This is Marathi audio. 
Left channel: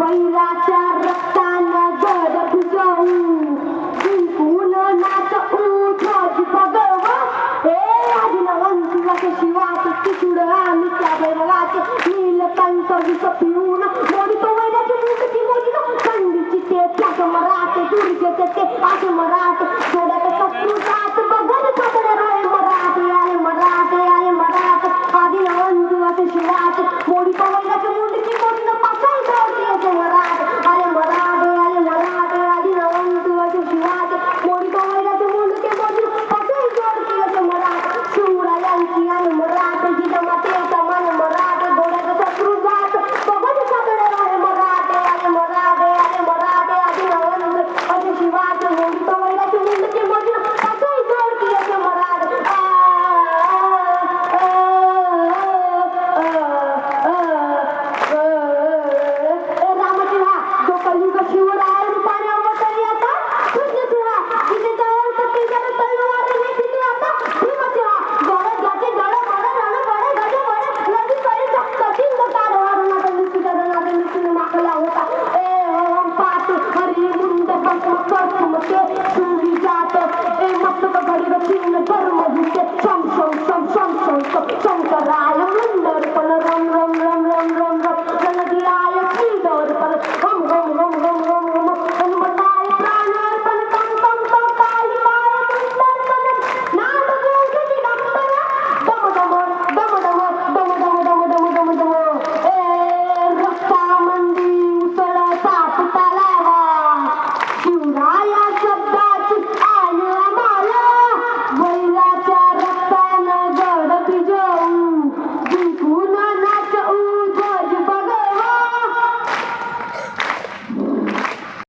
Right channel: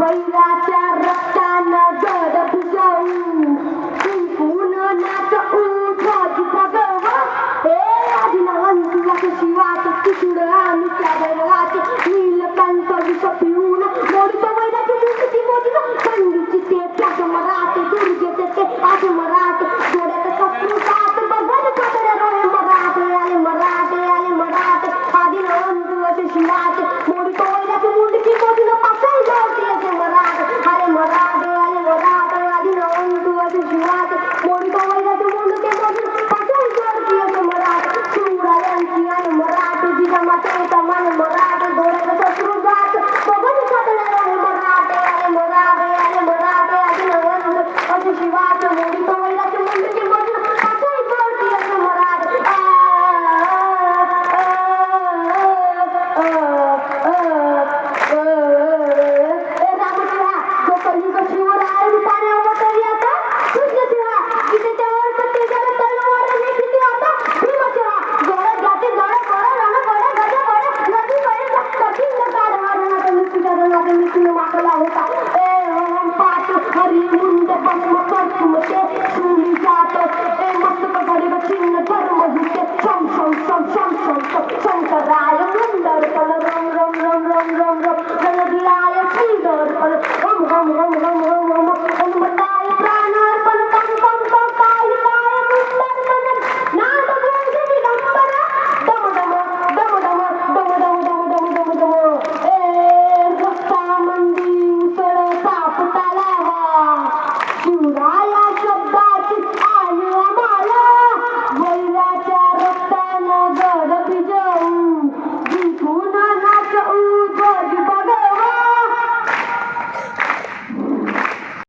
वैराच्या रक्तानं घर भिजवू Robimy karmę, wódkę, cząsą, cząsą, cząsą, cząsą,